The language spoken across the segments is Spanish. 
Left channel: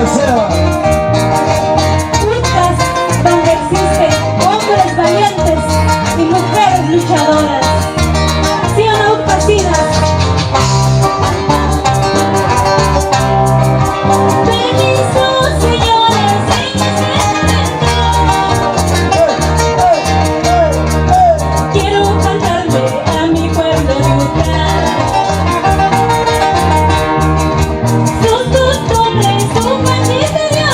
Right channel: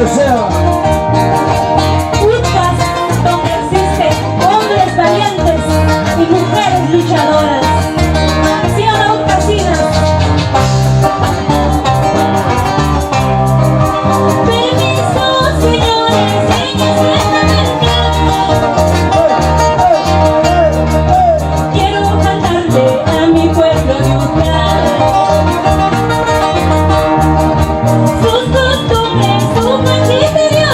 donde sea. Buscas donde existen hombres valientes y mujeres luchadoras. ¿Sí o no, casinas? Permiso, señores, quiero cantarle a mi pueblo yucateco. Sus costumbres, su magisterio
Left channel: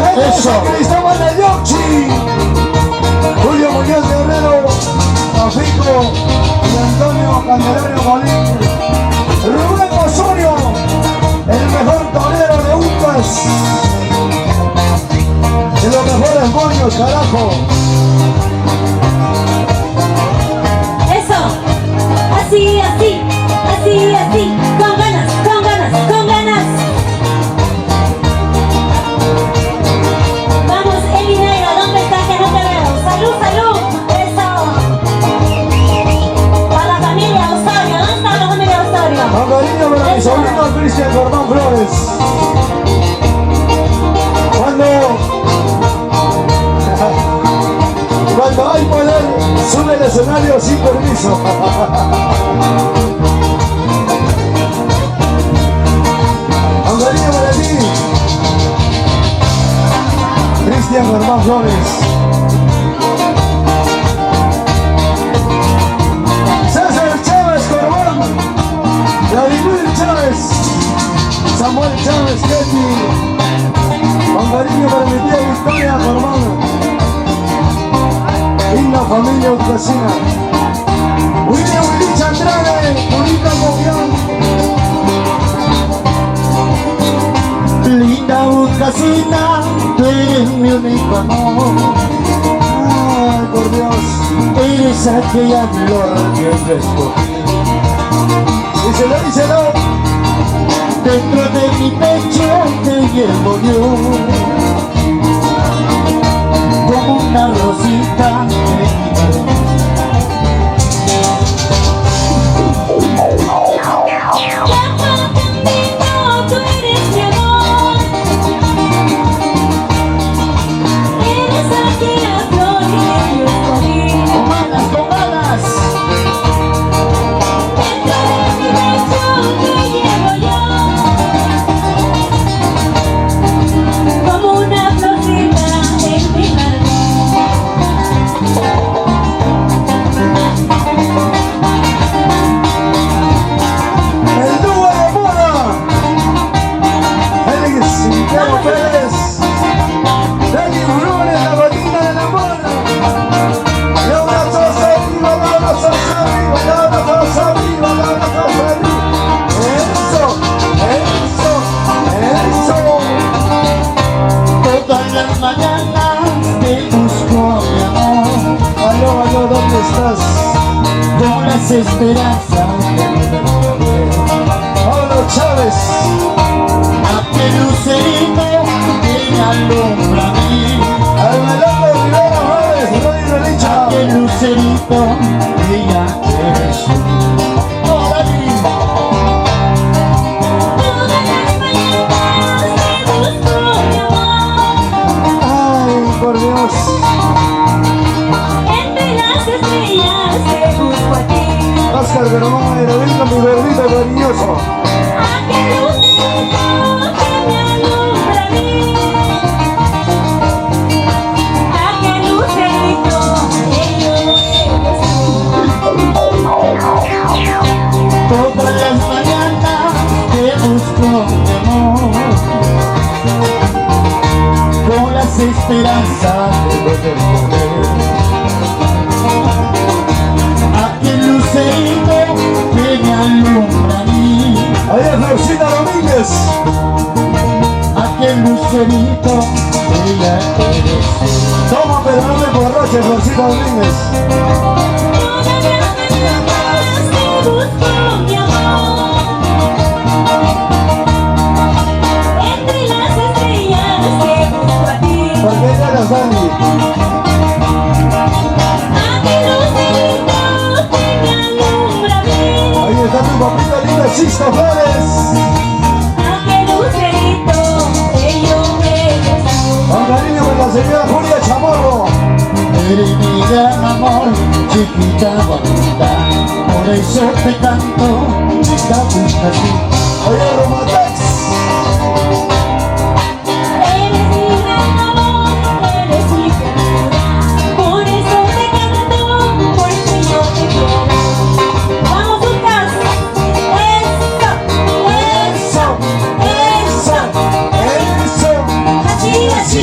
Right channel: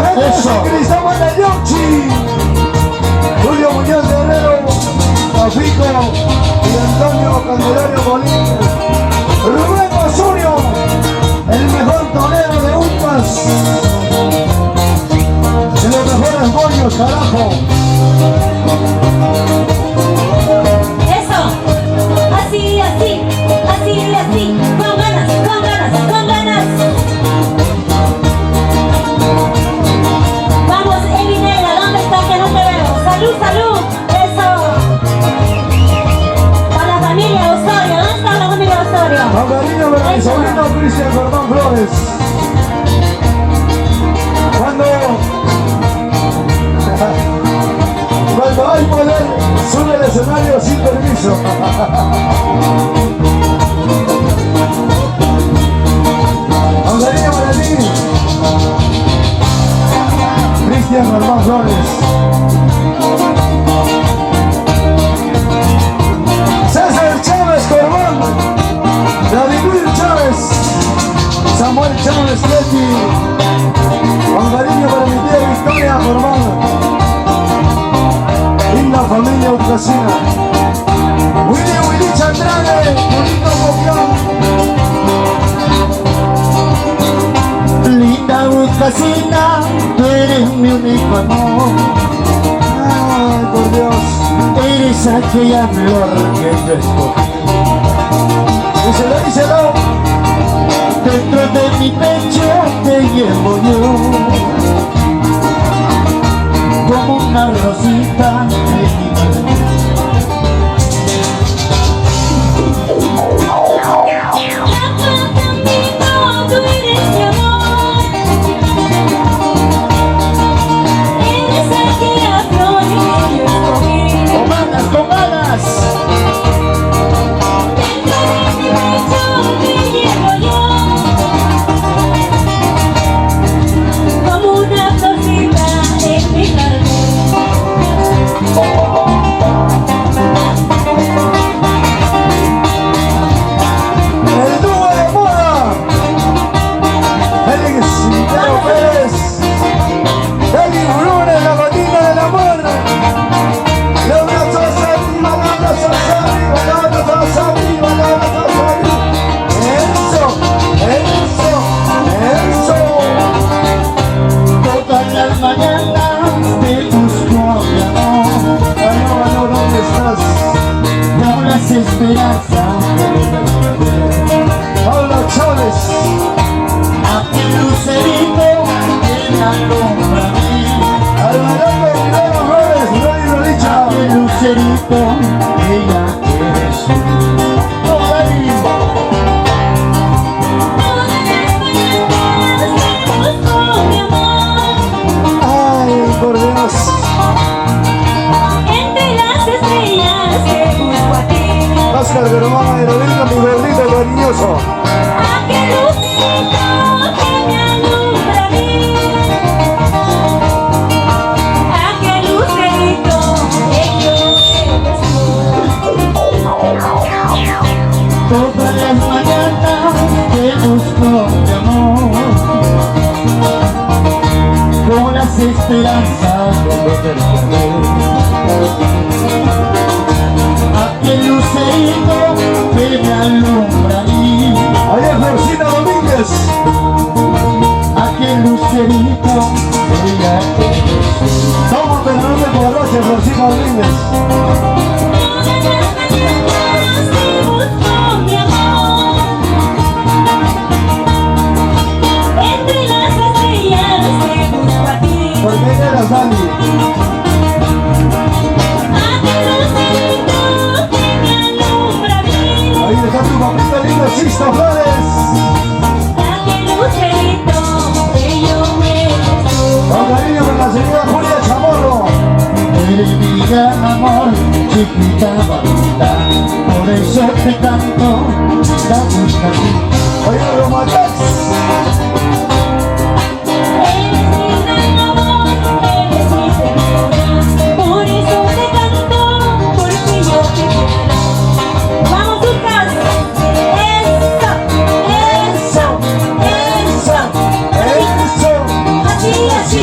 la gente de San Cristóbal de Yochi, Julio Muñoz Guerrero, Tafico y Antonio Candelario Molín, Rubén Osorio, el mejor torero de Uncas, y los mejores moños, carajo. Eso, así, así, así, así, con ganas, con ganas, con ganas. Vamos, Eli Negra, ¿dónde estás? Que no te veo. Salud, salud, eso. A la familia Osorio, ¿dónde está la familia Osorio? Con cariño para mi sobrino Cristian Gordón Flores. Cuando hay poder, sube el escenario sin permiso. Con cariño para ti, Cristian Gordón Flores. César Chávez Corbón, David Chávez, Samuel Chávez Leti. Con cariño para mi tía Victoria Corbón y la familia Ucasina. Willy Chandrade, bonita Boquián. Linda Ucasina, tú eres mi único amor. Ay, por Dios. Eres aquella flor que yo escogí. Díselo, díselo. Dentro de mi pecho te llevo yo, como una rosita en mi jardín. Tú eres mi amor. Eres aquella flor que yo escogí. Con ganas, con ganas. Dentro de mi pecho te llevo yo, como una florcita en mi jardín. El dúo de moda. Félix Quintero Pérez. Félix Brune, la gallina del amor. Los brazos arriba, los brazos arriba, los brazos arriba, los brazos arriba. Eso, eso, eso. Todas las mañanas te busco, mi amor, Aló, aló, ¿dónde estás? con las esperanzas Pablo Chávez. aquel lucerito que me alumbra a mí. Alberto Rivera Flores, Ronnie Rolicha. Aquel lucerito que ya eres tú. ¡Ay! Ay, por Dios. Entre las estrellas que busco a ti. Oscar Germán de Novino, mi gordito cariñoso. Aquel lucero que me alumbra a mí. Aquel lucerito que yo eres tú. Todas las mañanas te busco, mi amor, con las esperanzas de poderte ver. Aquel lucerito que me alumbra a mí. Ahí es Florcita Domínguez. Aquel lucerito que ya eres tú. Toma, pero no te emborraches, Florcita Domínguez. Todas las mañanas te busco, mi amor. Entre las estrellas que busco a ti. Porque ahí eres Dani. Aquel lucerito que me alumbra a mí. Ahí está tu papita linda, Sista Flores. Aquel lucerito que yo eres tú. Con cariño con la señora Julia Chamorro. Eres mi gran amor, chiquita bonita, por eso te canto la Ucasina. Oye, Romatax. Eres mi gran amor, eres mi felicidad. Por eso te canto, porque yo te quiero. Vamos, Lucas. Eso, eso, eso. Eso. Así, así.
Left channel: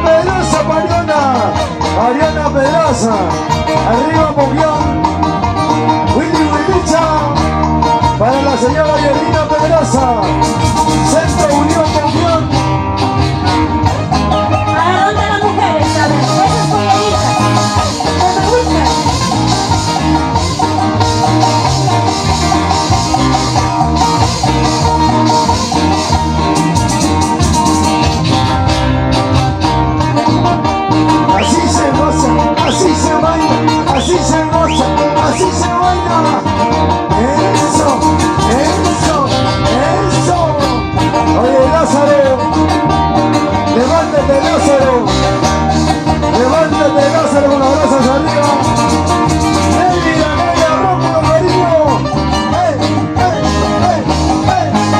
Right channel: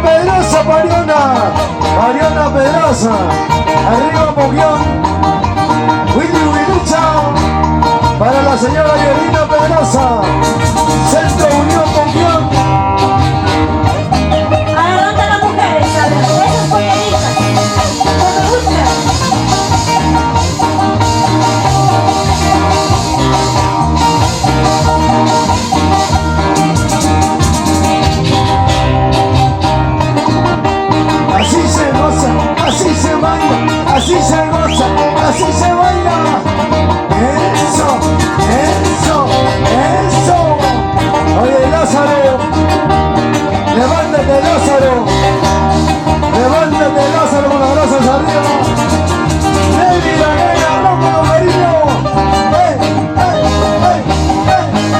Pedrosa, Mariana Pedrosa, arriba Mogión, Willy Wilucha, para la señora Yerina Pedrosa, Centro Unión Mogión. ¿A dónde las mujeres? ¿Sabes? Esas polleritas. No me gustan. Así se goza, así se baila, así se goza, así se baila. Eso, eso, eso. Oye, Lázaro, levántate, Lázaro. Levántate, Lázaro, con los brazos arriba. ¡Ey, la nena, rompe, querido! ¡Ey, ey, ey, ey,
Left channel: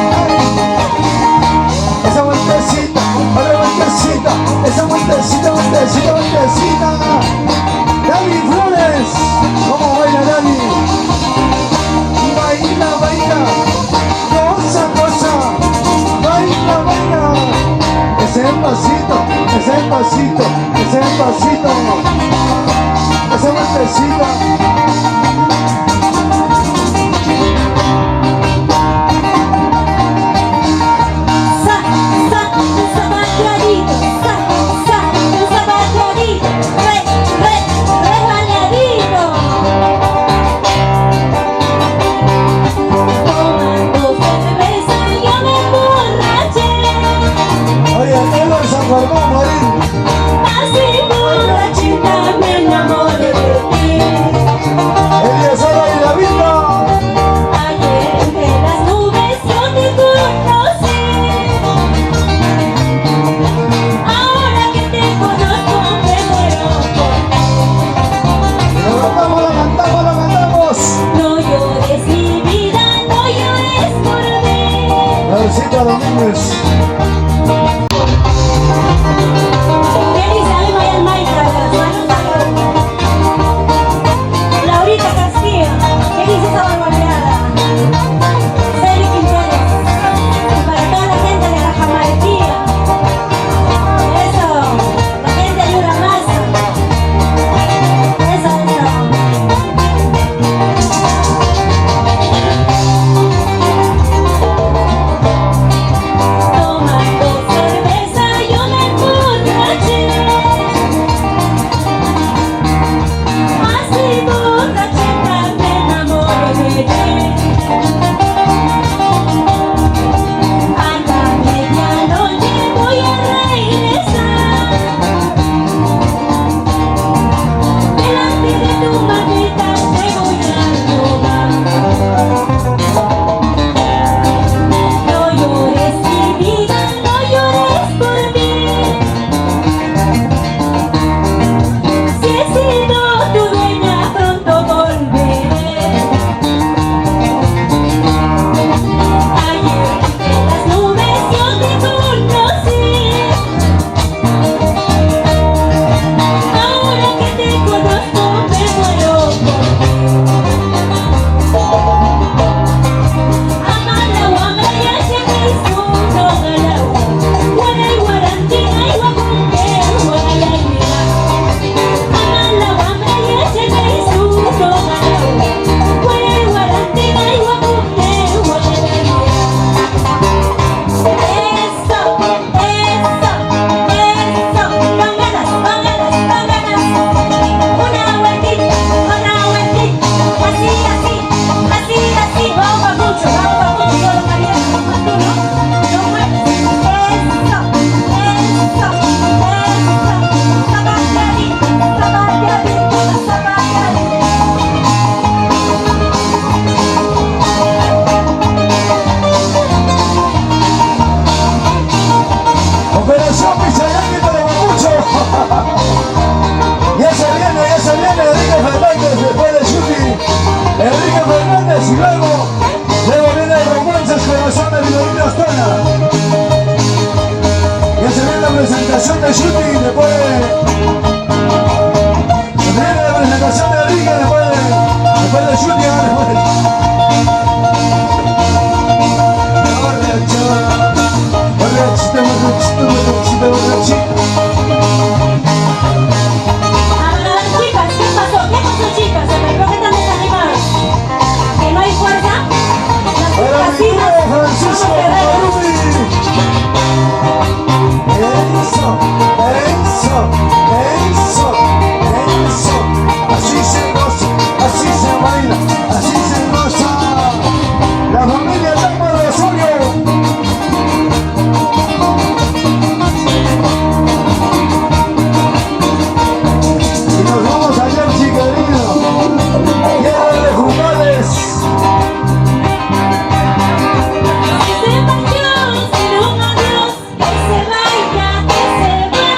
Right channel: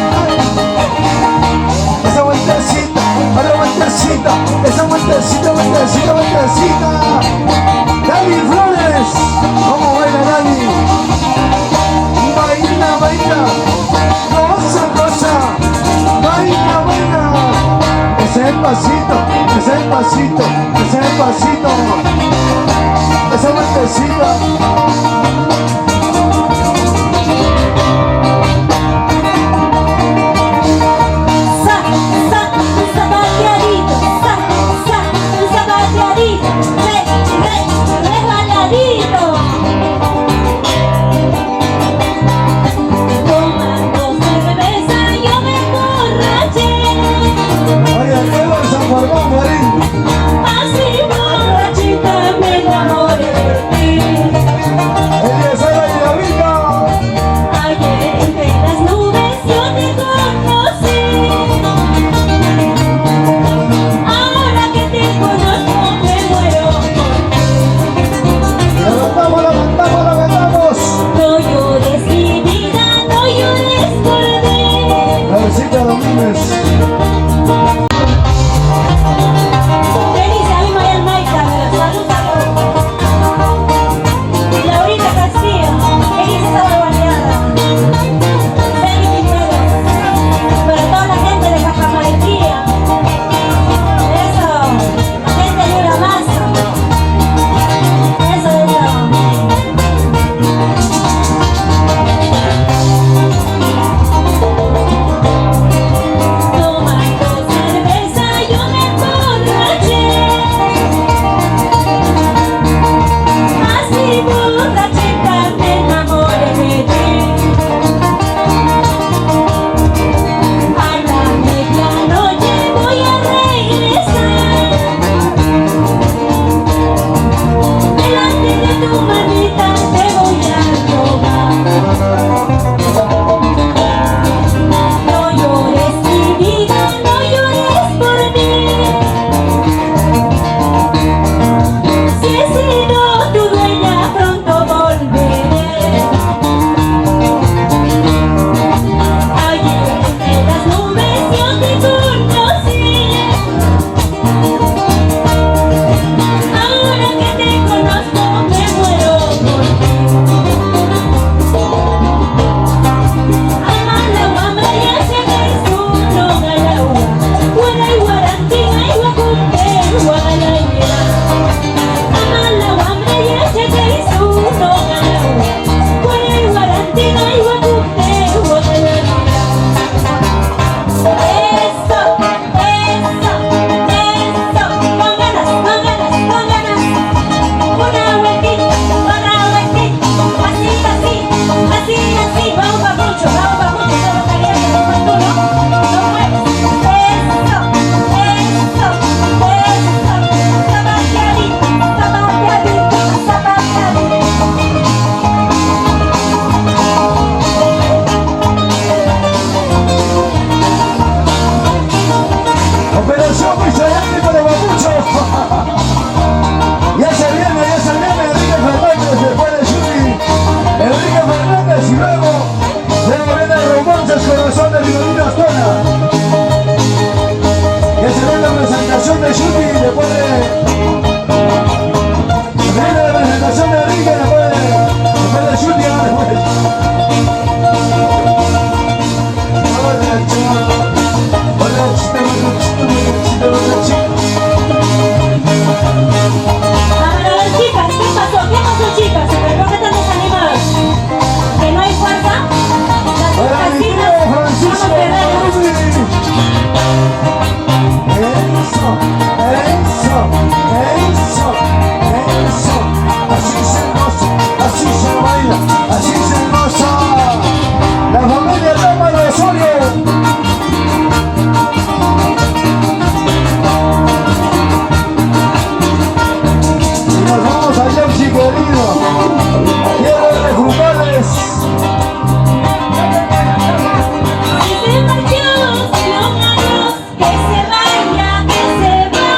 ey! Esa vueltecita, otra vueltecita, esa vueltecita, vueltecita, vueltecita. Dani Flores, ¿cómo baila Dani? Baila, baila, goza, goza, baila, baila. Ese es el pasito, ese es el pasito, ese es el pasito. Esa vueltecita. Zapateadito, zapateadito, resbaladito. Tomando cerveza yo me emborraché. Oye, Eva San Germán, Marín. Así borrachita me enamoré de ti. Eliezer y la vida. Ayer entre las nubes yo te conocí. Ahora que te conozco me muero por ti. Lo cantamos, lo cantamos, lo cantamos. No llores mi vida, no llores por mí. Laurcita Domínguez. Feliz año Mayan Maita, saludos a Laurita Castillo, que dice esa barbaridad. Celi Quintero, para toda la gente de Cajamarquilla. Eso, gente de Uramaza. Eso, eso. Tomando cerveza yo me emborraché. Así borrachita me enamoré de ti. A la medianoche voy a regresar. Delante de tu manita te voy a robar. No llores mi vida, no llores por mí. Si he sido tu dueña, pronto volveré. Ayer entre las nubes yo te conocí. Ahora que te conozco me muero por ti. Amala, amala, si no galau. Guanay, guarantina, iguacumbe, guagalay, mira. Amala, amala, si no galau. Guanay, guarantina, iguacumbe, guagalay, mira. Eso, eso, eso. Con ganas, con ganas, con ganas. Una vueltita, así, así, así, vamos pa' mucho, solo caliente como tú, ¿no? Lo mueves, eso, zapateadito, zapateadito, zapateadito. Operación Michelangelo de los Babuchos. Ya se viene, Enrique Fernández después de Chupi. Enrique Fernández y luego viene Romances Corazones y Violina Astona. Ya se viene la presentación de Chupi después de... Viene la presentación de Enrique después de Chupi. Después. Eso, eso, eso, eso. Así se goza, así se baila, así se goza. La familia Lama de Osorio. Y nos vamos a Jersey, querido. Tierra de los Jumales. Se marchó sin un adiós, que se vaya, que se vaya.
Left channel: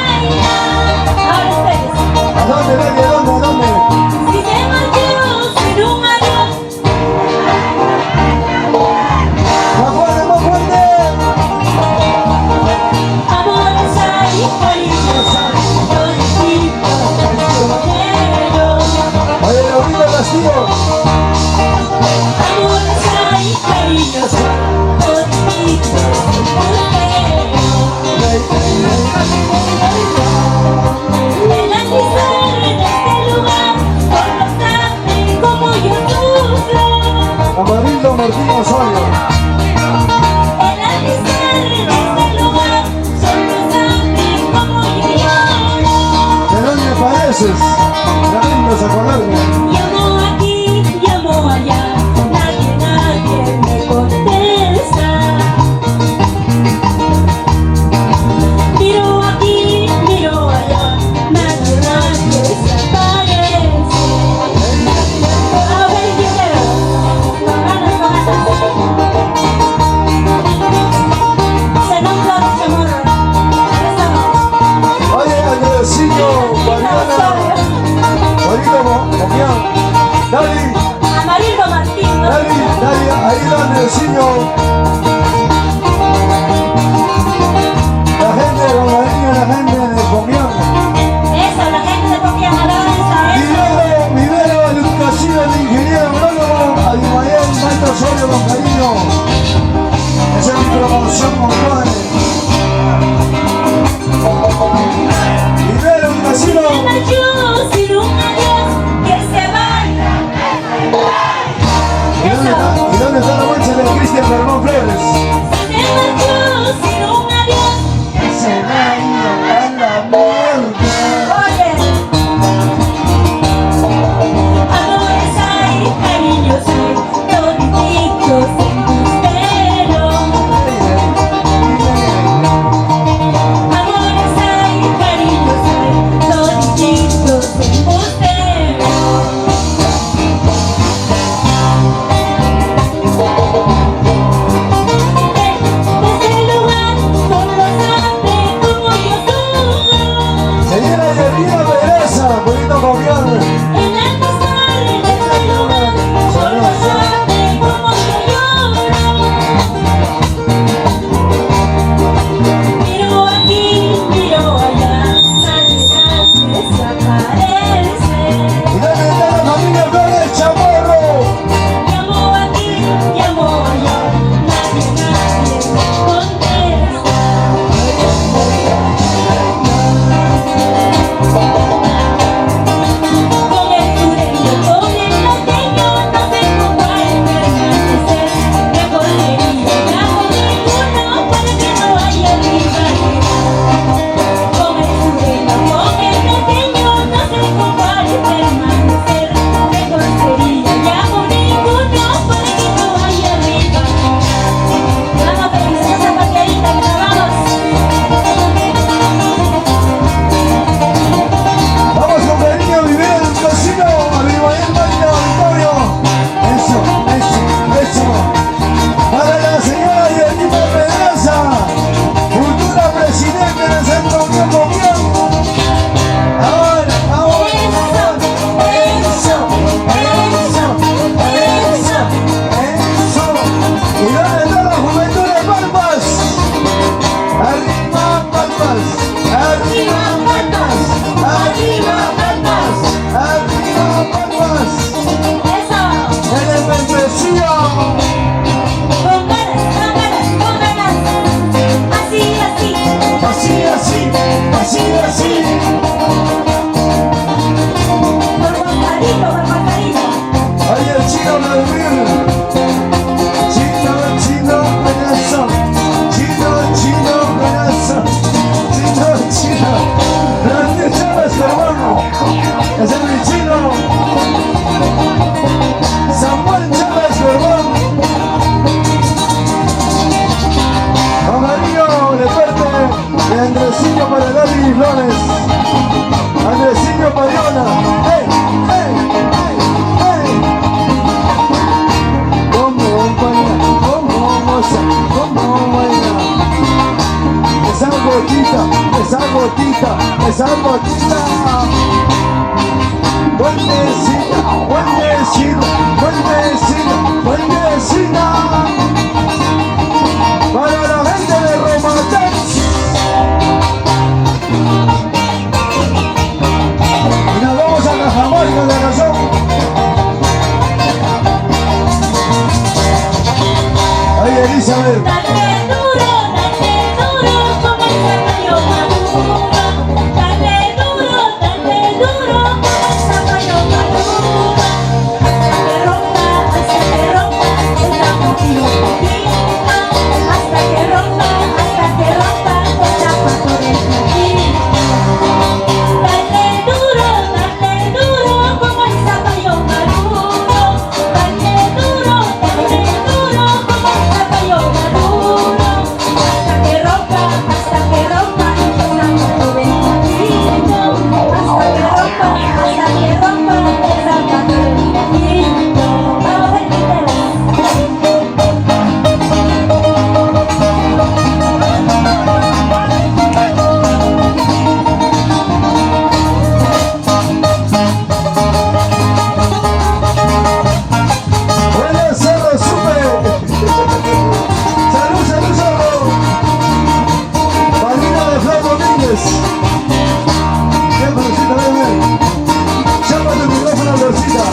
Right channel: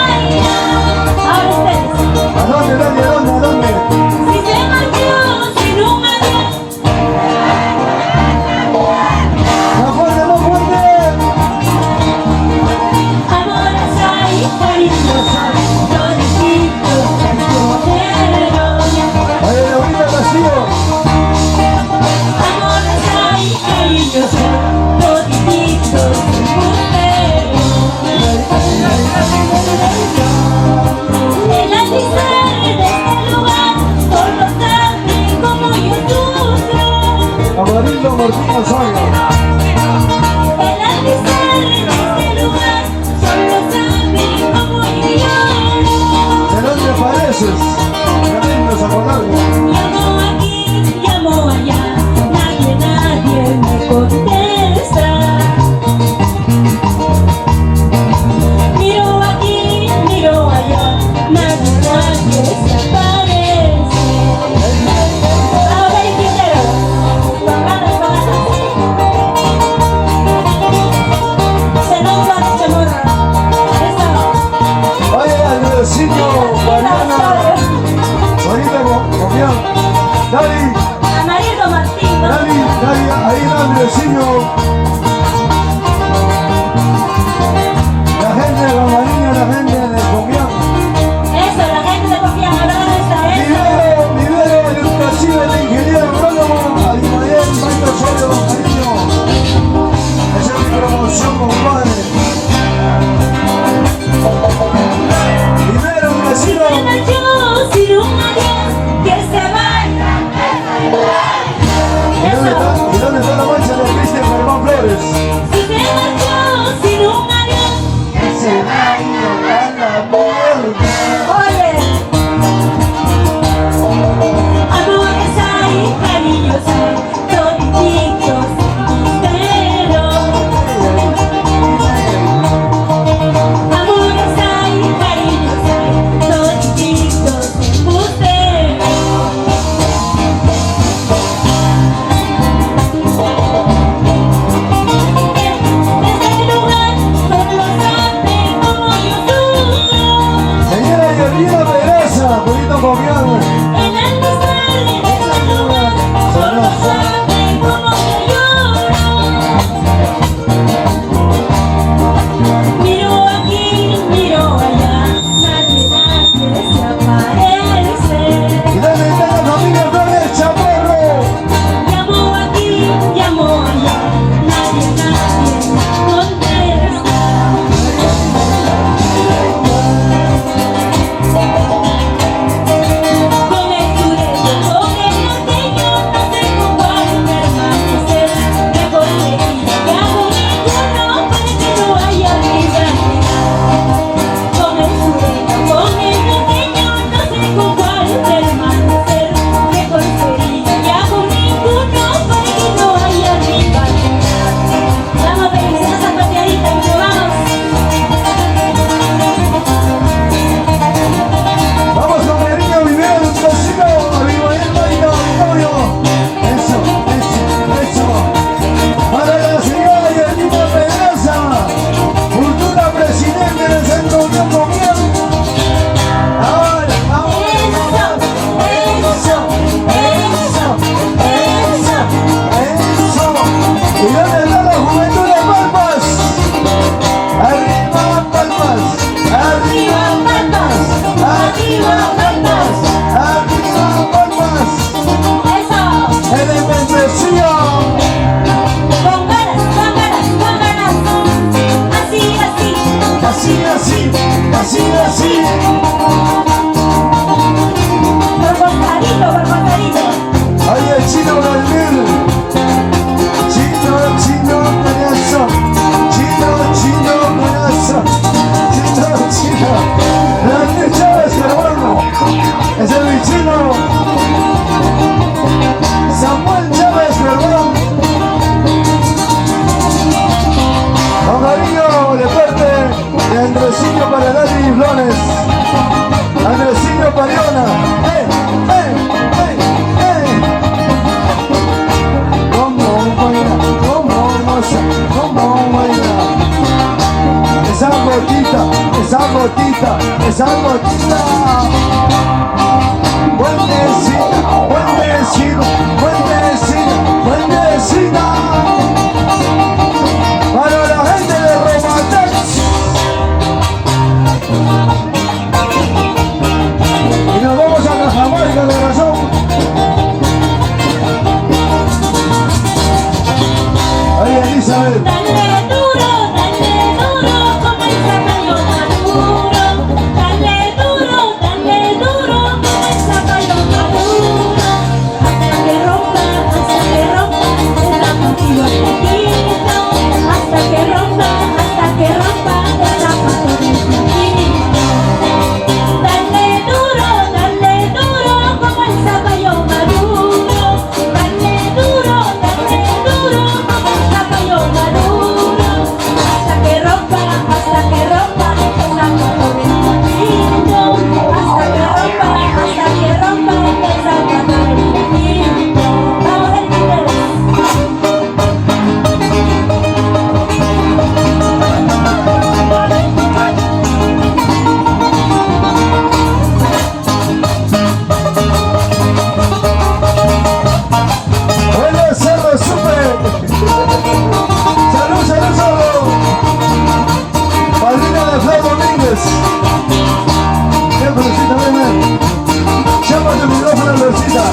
esa gotita, esa gotita, esa gotita. Buen vecino, buen vecino, buen vecino, buen vecina. Para la gente de Romatex. Y nos vamos a Cajamarca de razón. Ay, Elizabeth. Dale duro, como el zapallo maduro. Dale duro, como el zapallo maduro. Hasta que rompa, te da un tiro poquito. Hasta que rompa, te da por el poquito. Dale duro, como el zapallo maduro. Dale duro, como el zapallo maduro. Hasta que rompa, te da por el poquito. Hasta que rompa, te da por el poquito. Vamos a Buenas tardes, súper. Salud, salud, salud. Padrina de Fray Domínguez. Bien, Florcita, ven, ven. Llama tu micrófono, Florcita.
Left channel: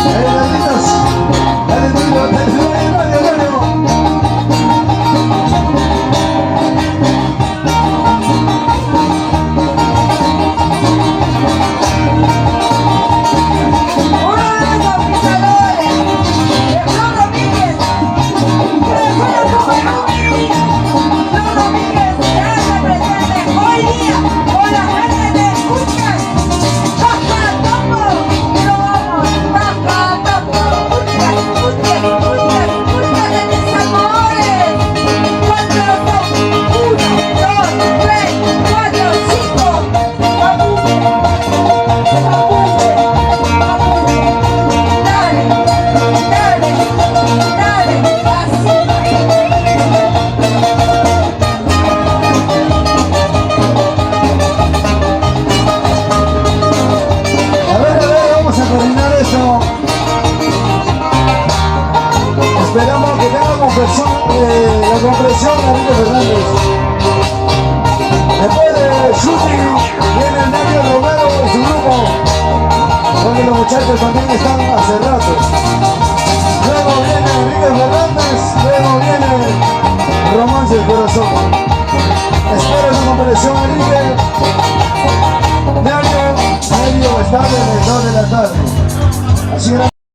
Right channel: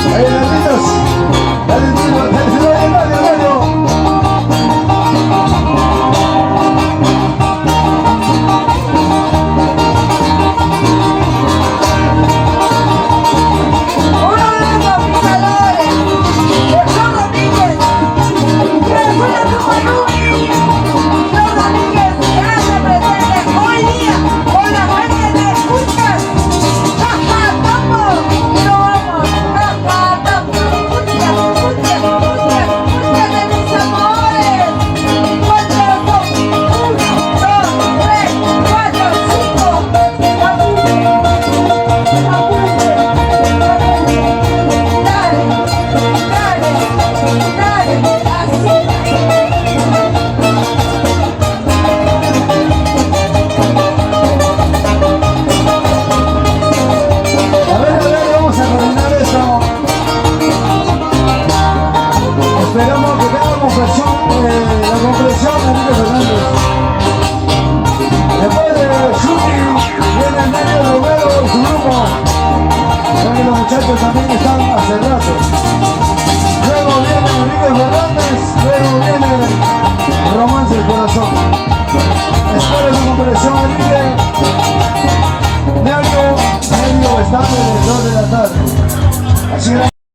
Ahí, Carlitos. Dale, dale, dale, dale, dale, dale. A ver, vamos a terminar esto. Esperamos que tenga la comprensión de Enrique Fernández. Después de Shuki, viene Mario Romero y su grupo, donde los muchachos también están hace rato. Luego viene Enrique Fernández, luego viene Romance del Corazón. Espero su comprensión, Enrique.